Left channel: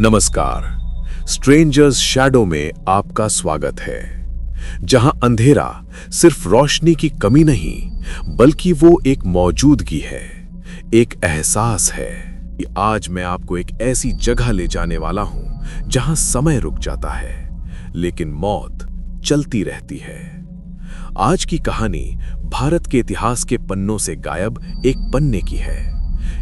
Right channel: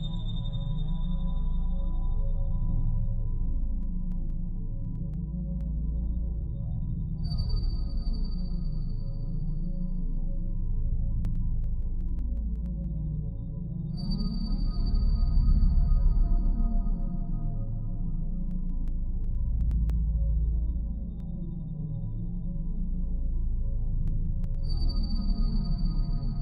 नमस्कार। Strangers shadow में आपका स्वागत है, जहां अंधेरा सिर्फ रोशनी की कमी नहीं बल्कि वो एक मौजूदगी है, एक एहसास है कि आज मैं आपको एक ऐसी जगह ले जाने वाला हूं जहां समय रुक जाता है लेकिन मौत चलती रहती है। आज की कहानी भारत के इतिहास के पन्नों से गायब एक पन्ने की है।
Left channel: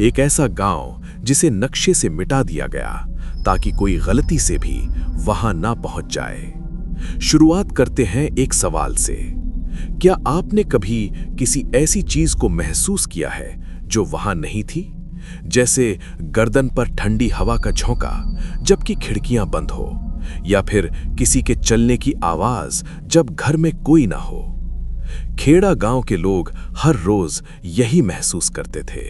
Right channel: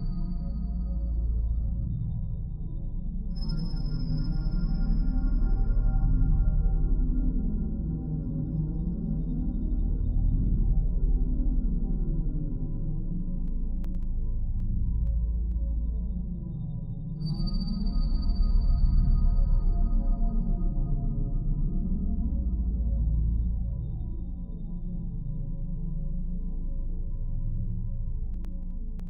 एक ऐसा गांव जिसे नक्शे से मिटा दिया गया ताकि कोई गलती से भी वहां ना पहुंच जाए। शुरुआत करते हैं एक सवाल से। क्या आपने कभी किसी ऐसी चीज को महसूस किया है जो वहां नहीं थी? जैसे गर्दन पर ठंडी हवा का झोंका जबकि खिड़कियां बंद हो, या फिर किसी के चलने की आवाज जब घर में कोई ना हो। खेड़ा गांव के लोग हर रोज यही महसूस करते थे।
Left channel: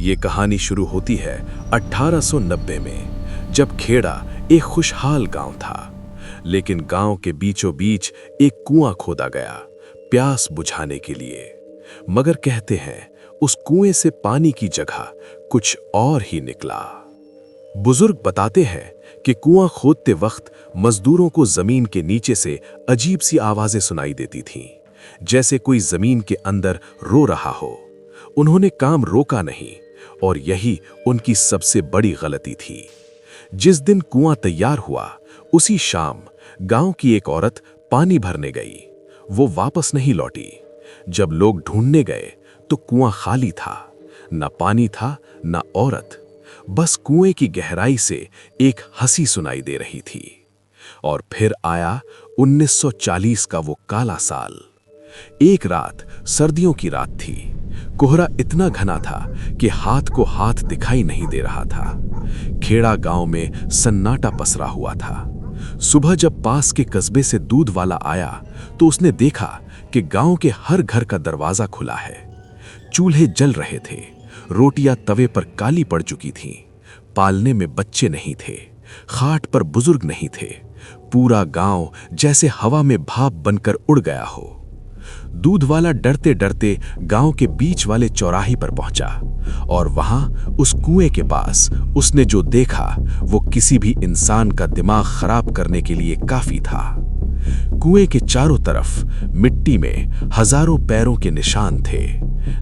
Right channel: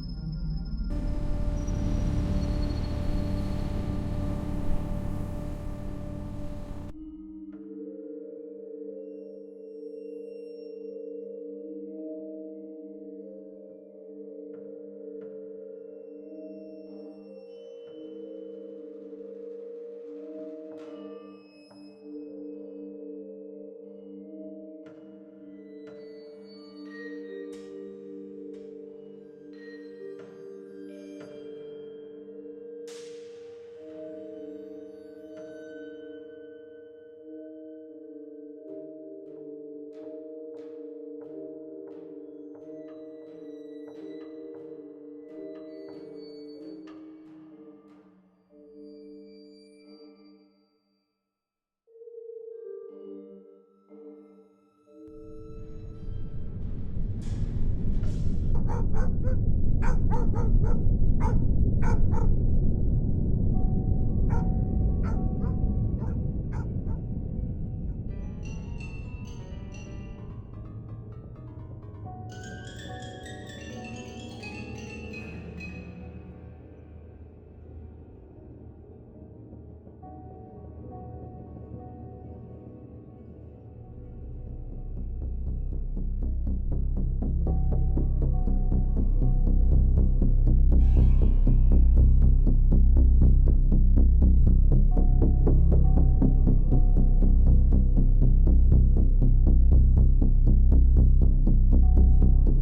ये कहानी शुरू होती है 1890 में, जब खेड़ा एक खुशहाल गांव था। लेकिन गांव के बीचों बीच एक कुआं खोदा गया प्यास बुझाने के लिए। मगर कहते हैं उस कुएं से पानी की जगह कुछ और ही निकला। बुजुर्ग बताते हैं कि कुआं खोदते वक्त मजदूरों को जमीन के नीचे से अजीब सी आवाजें सुनाई देती थीं, जैसे कोई जमीन के अंदर रो रहा हो। उन्होंने काम रोका नहीं, और यही उनकी सबसे बड़ी गलती थी। जिस दिन कुआं तैयार हुआ उसी शाम गांव की एक औरत पानी भरने गई। वो वापस नहीं लौटी। जब लोग ढूंढने गए तो कुआं खाली था। न पानी था न औरत, बस कुएं की गहराई से एक हंसी सुनाई दे रही थी। और फिर आया 1940 का वो काला साल। एक रात सर्दियों की रात थी। कोहरा इतना घना था कि हाथ को हाथ दिखाई नहीं दे रहा था। खेड़ा गांव में सन्नाटा पसरा हुआ था। सुबह जब पास के कस्बे से दूध वाला आया तो उसने देखा कि गांव के हर घर का दरवाजा खुला है। चूल्हे जल रहे थे, रोटियां तवे पर काली पड़ चुकी थीं। पालने में बच्चे नहीं थे, खाट पर बुजुर्ग नहीं थे। पूरा गांव जैसे हवा में भाप बनकर उड़ गया हो। दूध वाला डरते डरते गांव के बीच वाले चौराहे पर पहुंचा, और वहां उस कुएं के पास उसने जो देखा वो किसी भी इंसान का दिमाग खराब करने के लिए काफी था। कुएं के चारों तरफ मिट्टी में हजारों पैरों के निशान थे,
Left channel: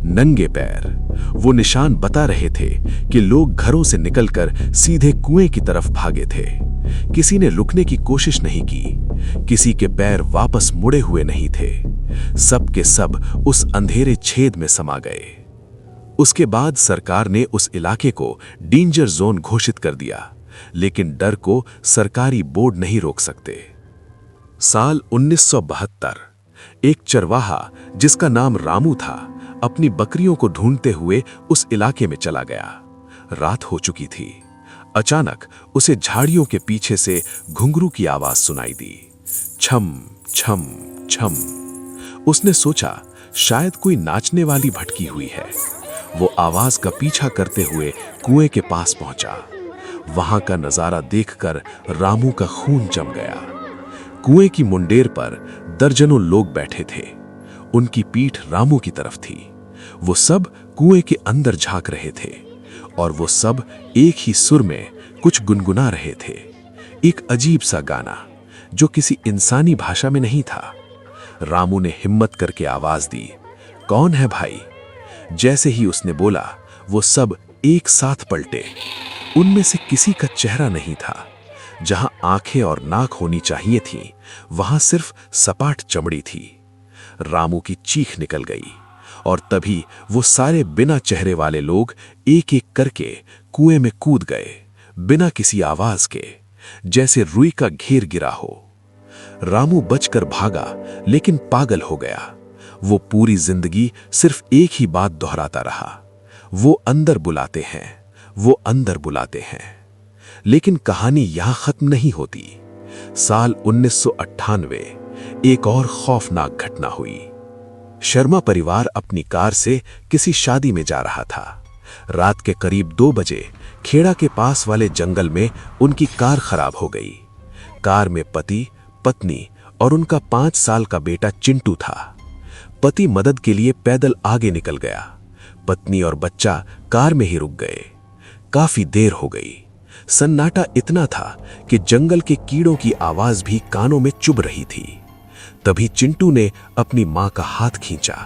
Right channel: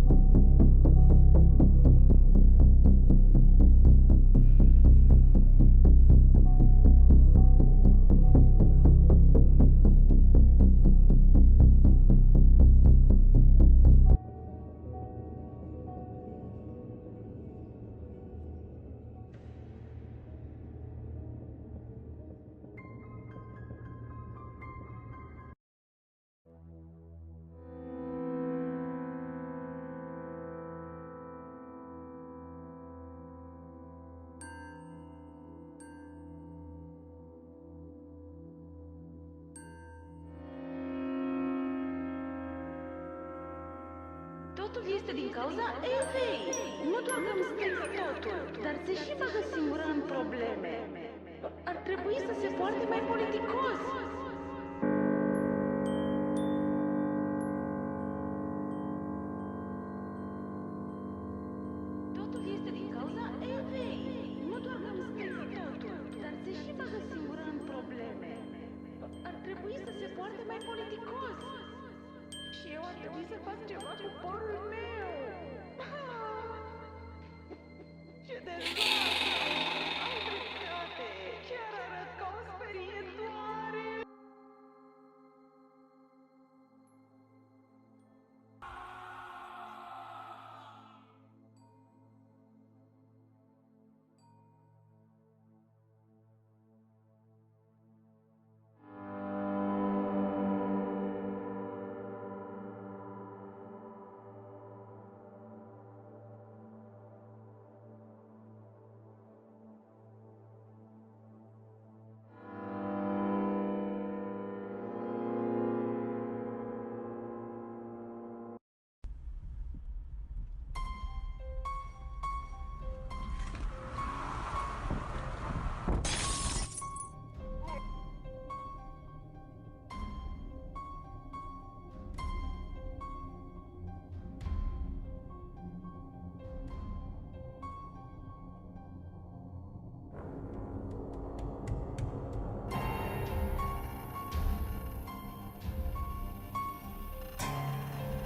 नंगे पैर। वो निशान बता रहे थे कि लोग घरों से निकलकर सीधे कुएं की तरफ भागे थे। किसी ने रुकने की कोशिश नहीं की, किसी के पैर वापस मुड़े हुए नहीं थे। सब के सब उस अंधेरे छेद में समा गए। उसके बाद सरकार ने उस इलाके को डेंजर जोन घोषित कर दिया, लेकिन डर को सरकारी बोर्ड नहीं रोक सकते। साल 1972 एक चरवाहा जिसका नाम रामू था अपनी बकरियों को ढूंढते हुए उस इलाके में चला गया। रात हो चुकी थी। अचानक उसे झाड़ियों के पीछे से घुंघरू की आवाज सुनाई दी, छम छम छम। उसने सोचा शायद कोई नाचने वाली भटकी हुई है। वो आवाज का पीछा करते हुए कुएं के पास पहुंचा। वहां का नजारा देखकर रामू का खून जम गया। कुएं की मुंडेर पर दर्जनों लोग बैठे थे। उनकी पीठ रामू की तरफ थी। वो सब कुएं के अंदर झांक रहे थे, और वो सब एक ही सुर में कुछ गुनगुना रहे थे। एक अजीब सा गाना जो किसी इंसानी भाषा में नहीं था। रामू ने हिम्मत करके आवाज दी, कौन है भाई? जैसे ही उसने बोला, वो सब एक साथ पलटे। उनमें से किसी का चेहरा नहीं था। जहां आंखें और नाक होनी चाहिए थी, वहां सिर्फ सपाट चमड़ी थी। रामू की चीख निकल गई, और तभी वो सारे बिना चेहरे वाले लोग एक एक करके कुएं में कूद गए, बिना किसी आवाज के, जैसे रुई का घेर गिरा हो। रामू बचकर भागा, लेकिन पागल हो गया। वो पूरी जिंदगी सिर्फ एक ही बात दोहराता रहा, वो अंदर बुलाते हैं, वो अंदर बुलाते हैं। लेकिन कहानी यहां खत्म नहीं होती। साल 1998 एक और खौफनाक घटना हुई। शर्मा परिवार अपनी कार से किसी शादी में जा रहा था। रात के करीब 2 बजे खेड़ा के पास वाले जंगल में उनकी कार खराब हो गई। कार में पति, पत्नी और उनका 5 साल का बेटा चिंटू था। पति मदद के लिए पैदल आगे निकल गया। पत्नी और बच्चा कार में ही रुक गए। काफी देर हो गई। सन्नाटा इतना था कि जंगल के कीड़ों की आवाज भी कानों में चुभ रही थी। तभी चिंटू ने अपनी मां का हाथ खींचा।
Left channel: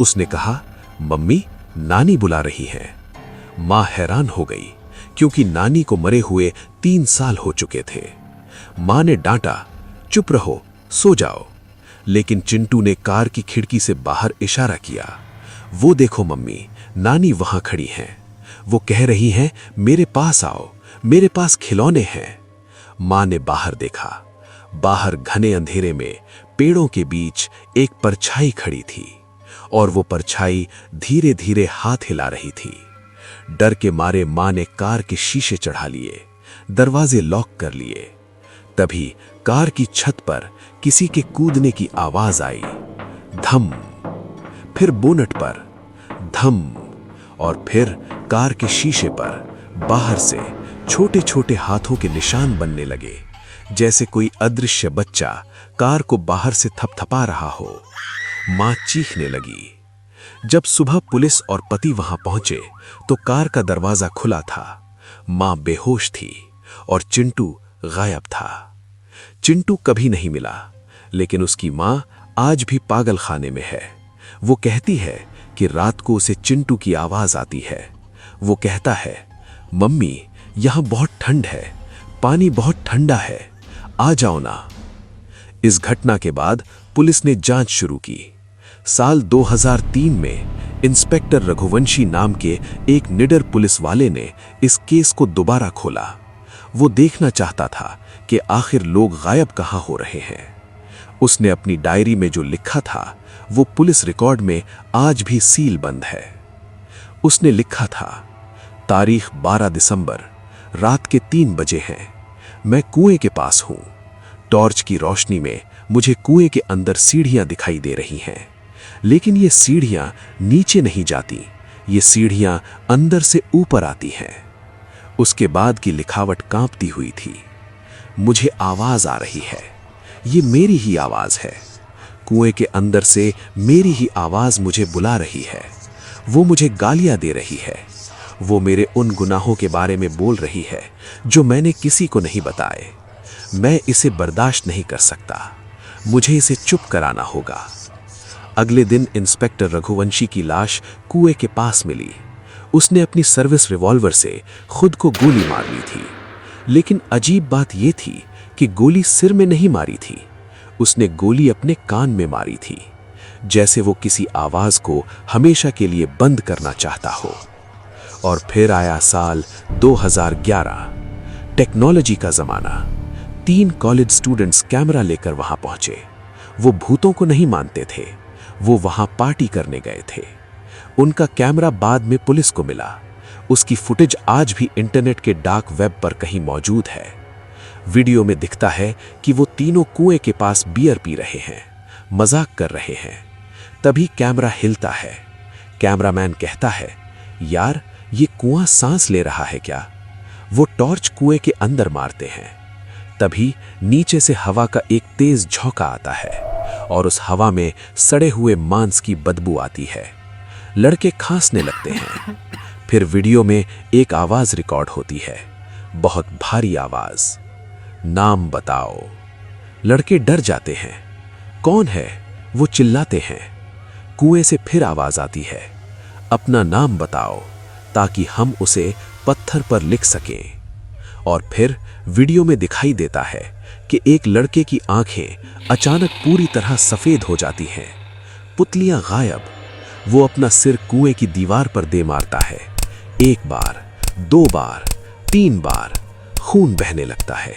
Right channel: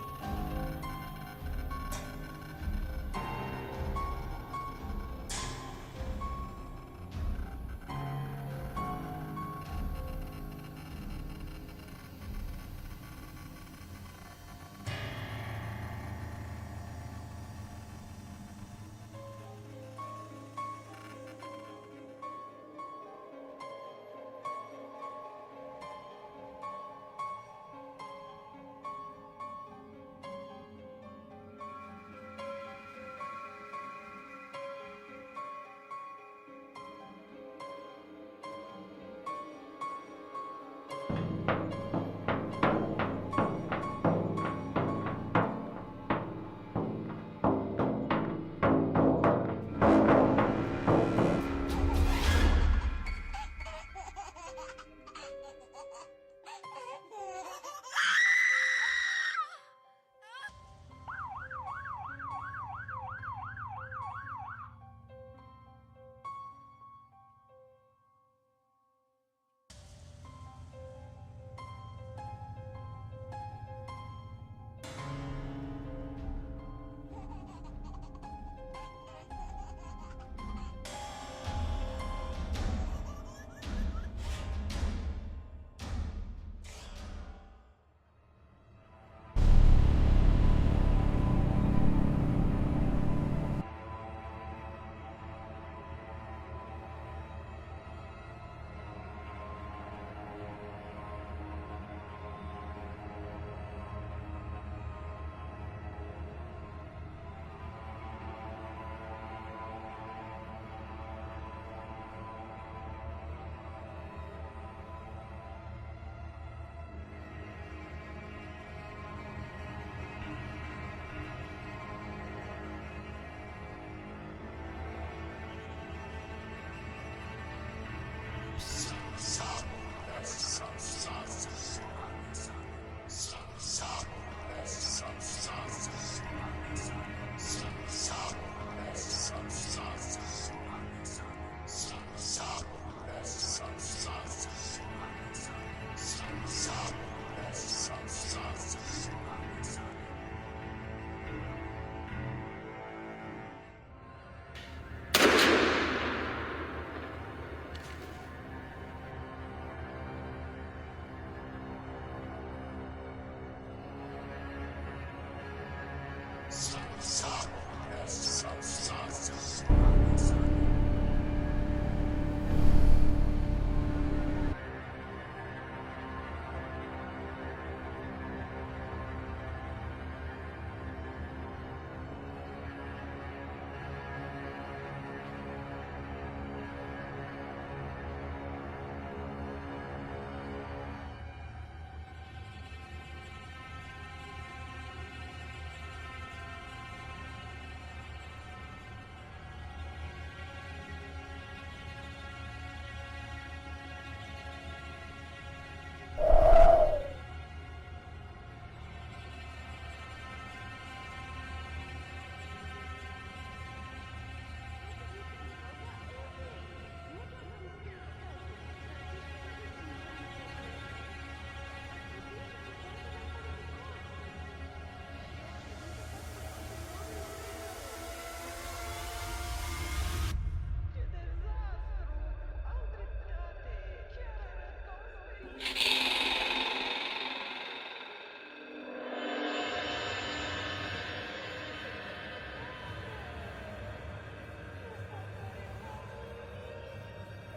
उसने कहा, मम्मी, नानी बुला रही है। मां हैरान हो गई, क्योंकि नानी को मरे हुए 3 साल हो चुके थे। मां ने डांटा, चुप रहो, सो जाओ। लेकिन चिंटू ने कार की खिड़की से बाहर इशारा किया। वो देखो मम्मी, नानी वहां खड़ी हैं। वो कह रही हैं, मेरे पास आओ, मेरे पास खिलौने हैं। मां ने बाहर देखा। बाहर घने अंधेरे में पेड़ों के बीच एक परछाई खड़ी थी, और वो परछाई धीरे धीरे हाथ हिला रही थी। डर के मारे मां ने कार के शीशे चढ़ा लिए, दरवाजे लॉक कर लिए। तभी कार की छत पर किसी के कूदने की आवाज आई। धम। फिर बोनट पर धम, और फिर कार के शीशे पर बाहर से छोटे छोटे हाथों के निशान बनने लगे, जैसे कोई अदृश्य बच्चा कार को बाहर से थपथपा रहा हो। मां चीखने लगी। जब सुबह पुलिस और पति वहां पहुंचे तो कार का दरवाजा खुला था। मां बेहोश थी और चिंटू गायब था। चिंटू कभी नहीं मिला, लेकिन उसकी मां आज भी पागल खाने में है। वो कहती है कि रात को उसे चिंटू की आवाज आती है। वो कहता है, मम्मी, यहां बहुत ठंड है, पानी बहुत ठंडा है, आ जाओ ना। इस घटना के बाद पुलिस ने जांच शुरू की। साल 2003 में इंस्पेक्टर रघुवंशी नाम के एक निडर पुलिस वाले ने इस केस को दोबारा खोला। वो देखना चाहता था कि आखिर लोग गायब कहां हो रहे हैं। उसने अपनी डायरी में जो लिखा था वो पुलिस रिकॉर्ड में आज भी सील बंद है। उसने लिखा था, तारीख 12 दिसंबर, रात के 3 बजे हैं। मैं कुएं के पास हूं। टॉर्च की रोशनी में मुझे कुएं के अंदर सीढ़ियां दिखाई दे रही हैं, लेकिन ये सीढ़ियां नीचे नहीं जाती, ये सीढ़ियां अंदर से ऊपर आती हैं। उसके बाद की लिखावट कांपती हुई थी। मुझे आवाज आ रही है, ये मेरी ही आवाज है। कुएं के अंदर से मेरी ही आवाज मुझे बुला रही है। वो मुझे गालियां दे रही है। वो मेरे उन गुनाहों के बारे में बोल रही है जो मैंने किसी को नहीं बताए। मैं इसे बर्दाश्त नहीं कर सकता। मुझे इसे चुप कराना होगा। अगले दिन इंस्पेक्टर रघुवंशी की लाश कुएं के पास मिली। उसने अपनी सर्विस रिवॉल्वर से खुद को गोली मार ली थी। लेकिन अजीब बात यह थी कि गोली सिर में नहीं मारी थी। उसने गोली अपने कान में मारी थी, जैसे वो किसी आवाज को हमेशा के लिए बंद करना चाहता हो। और फिर आया साल 2011, टेक्नोलॉजी का जमाना। 3 कॉलेज स्टूडेंट्स कैमरा लेकर वहां पहुंचे। वो भूतों को नहीं मानते थे, वो वहां पार्टी करने गए थे। उनका कैमरा बाद में पुलिस को मिला। उसकी फुटेज आज भी इंटरनेट के डार्क वेब पर कहीं मौजूद है। वीडियो में दिखता है कि वो तीनों कुएं के पास बियर पी रहे हैं, मजाक कर रहे हैं। तभी कैमरा हिलता है। कैमरामैन कहता है, यार, ये कुआं सांस ले रहा है क्या? वो टॉर्च कुएं के अंदर मारते हैं। तभी नीचे से हवा का एक तेज झोंका आता है और उस हवा में सड़े हुए मांस की बदबू आती है। लड़के खांसने लगते हैं। फिर वीडियो में एक आवाज रिकॉर्ड होती है, बहुत भारी आवाज, नाम बताओ। लड़के डर जाते हैं। कौन है? वो चिल्लाते हैं। कुएं से फिर आवाज आती है, अपना नाम बताओ ताकि हम उसे पत्थर पर लिख सकें। और फिर वीडियो में दिखाई देता है कि एक लड़के की आंखें अचानक पूरी तरह सफेद हो जाती हैं, पुतलियां गायब। वो अपना सिर कुएं की दीवार पर दे मारता है। 1 बार, 2 बार, 3 बार। खून बहने लगता है।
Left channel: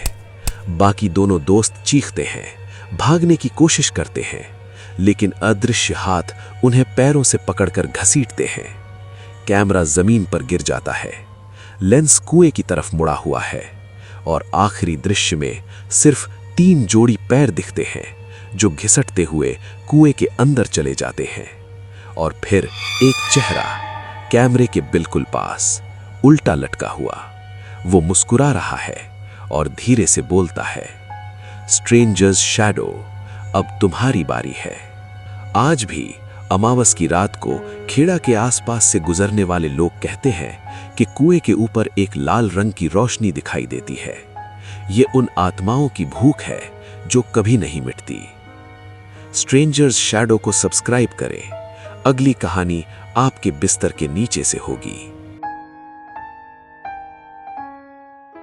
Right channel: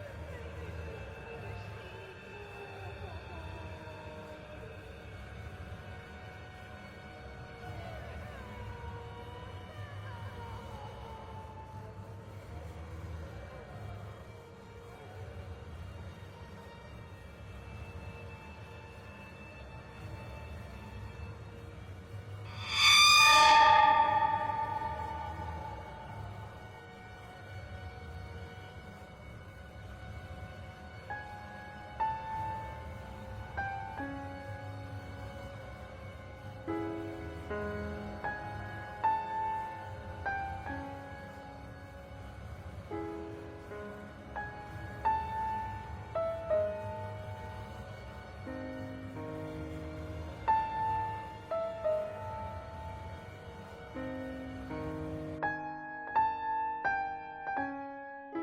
बाकी दोनों दोस्त चीखते हैं, भागने की कोशिश करते हैं, लेकिन अदृश्य हाथ उन्हें पैरों से पकड़कर घसीटते हैं। कैमरा जमीन पर गिर जाता है। लेंस कुएं की तरफ मुड़ा हुआ है और आखिरी दृश्य में सिर्फ 3 जोड़ी पैर दिखते हैं जो घिसटते हुए कुएं के अंदर चले जाते हैं। और फिर एक चेहरा कैमरे के बिल्कुल पास, उल्टा लटका हुआ। वो मुस्कुरा रहा है और धीरे से बोलता है, स्ट्रेंजर्स शैडो, अब तुम्हारी बारी है। आज भी अमावस की रात को खेड़ा के आसपास से गुजरने वाले लोग कहते हैं कि कुएं के ऊपर एक लाल रंग की रोशनी दिखाई देती है। ये उन आत्माओं की भूख है जो कभी नहीं मिटती। स्ट्रेंजर्स शैडो को सब्सक्राइब करें। अगली कहानी आपके बिस्तर के नीचे से होगी।